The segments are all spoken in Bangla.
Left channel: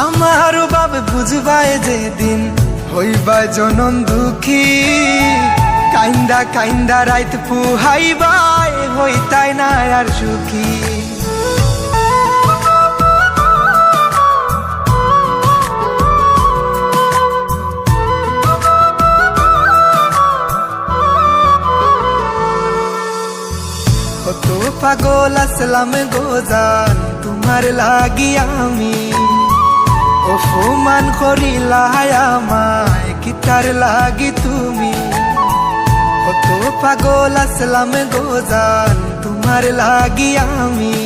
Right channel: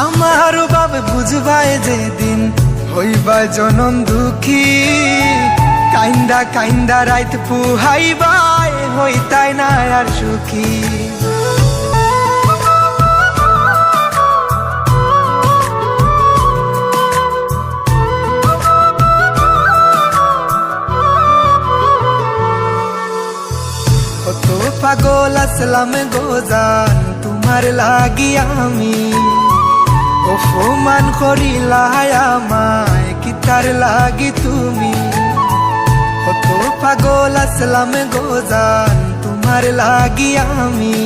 আমার বাপ বুঝবায় যেদিন হইবা জনম দুঃখী, কাইন্দা কাইন্দা রাইত পুহাইবাই হইতাই না আর সুখী। কত পাগল আসলাম গোজান তোমার লাগি আমি, অপমান করিলাই আমায় কিতার লাগি তুমি। কত পাগল আসলাম গোজান তোমার লাগি আমি,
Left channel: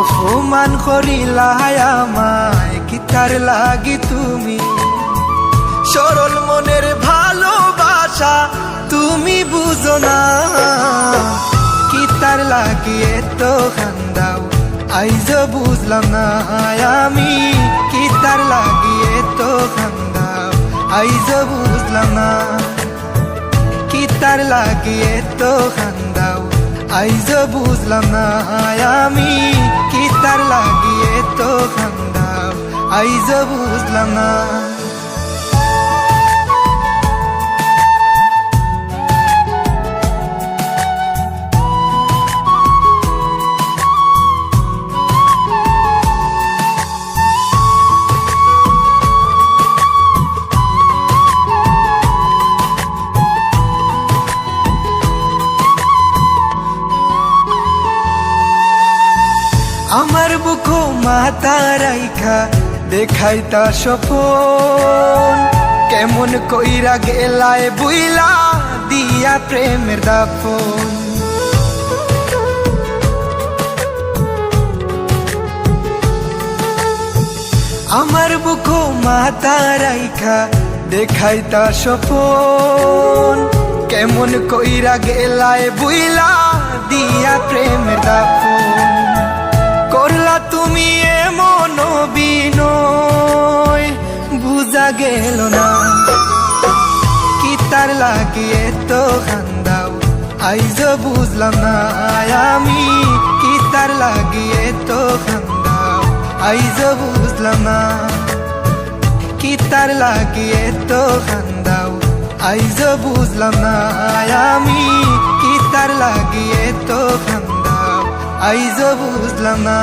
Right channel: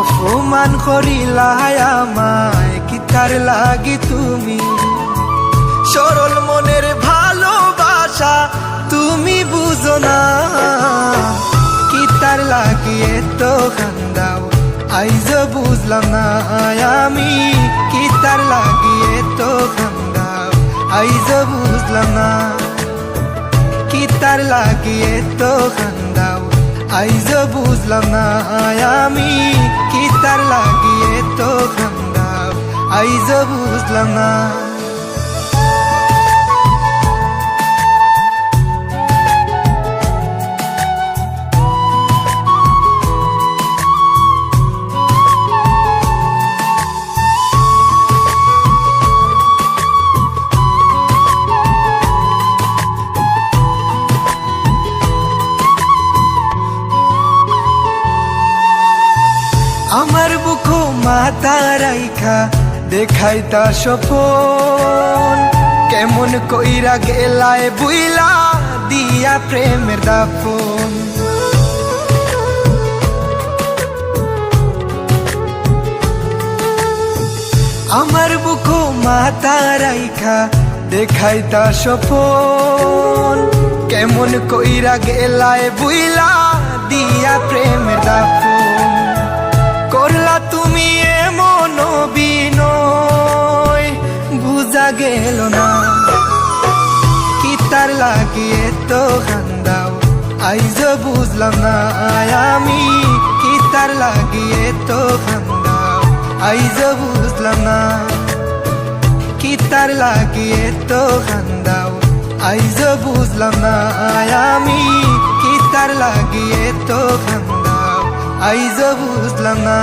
অপমান করিলাই আমায় কিতার লাগি তুমি। সরল মনের ভালোবাসা তুমি বুঝো না, কিতার লাগি এত খান্দাও আইজ বুঝলাম না আমি। কিতার লাগি এত খান্দাও আইজ বুঝলাম না, কিতার লাগি এত খান্দাও আইজ বুঝলাম না আমি। কিতার লাগি এত খান্দাও আইজ বুঝলাম না। আমার বুকো মাথা রাইখা দেখাইতা স্বপন, কেমন কইরা গেলায় বুইলা দিয়া প্রেমের দাফন। আমার বুকো মাথা রাইখা দেখাইতা স্বপন, কেমন কইরা গেলায় বুইলা দিয়া প্রেমের দাফন। করলা তুমি এমন বিনয় বুঝা গেল না, কিতার লাগি এত খান্দাও আইজ বুঝলাম না আমি। কিতার লাগি এত খান্দাও আইজ বুঝলাম না, কিতার লাগি এত খান্দাও আইজ বুঝলাম না আমি। কিতার লাগি এত খান্দাও আইজ বুঝলাম না।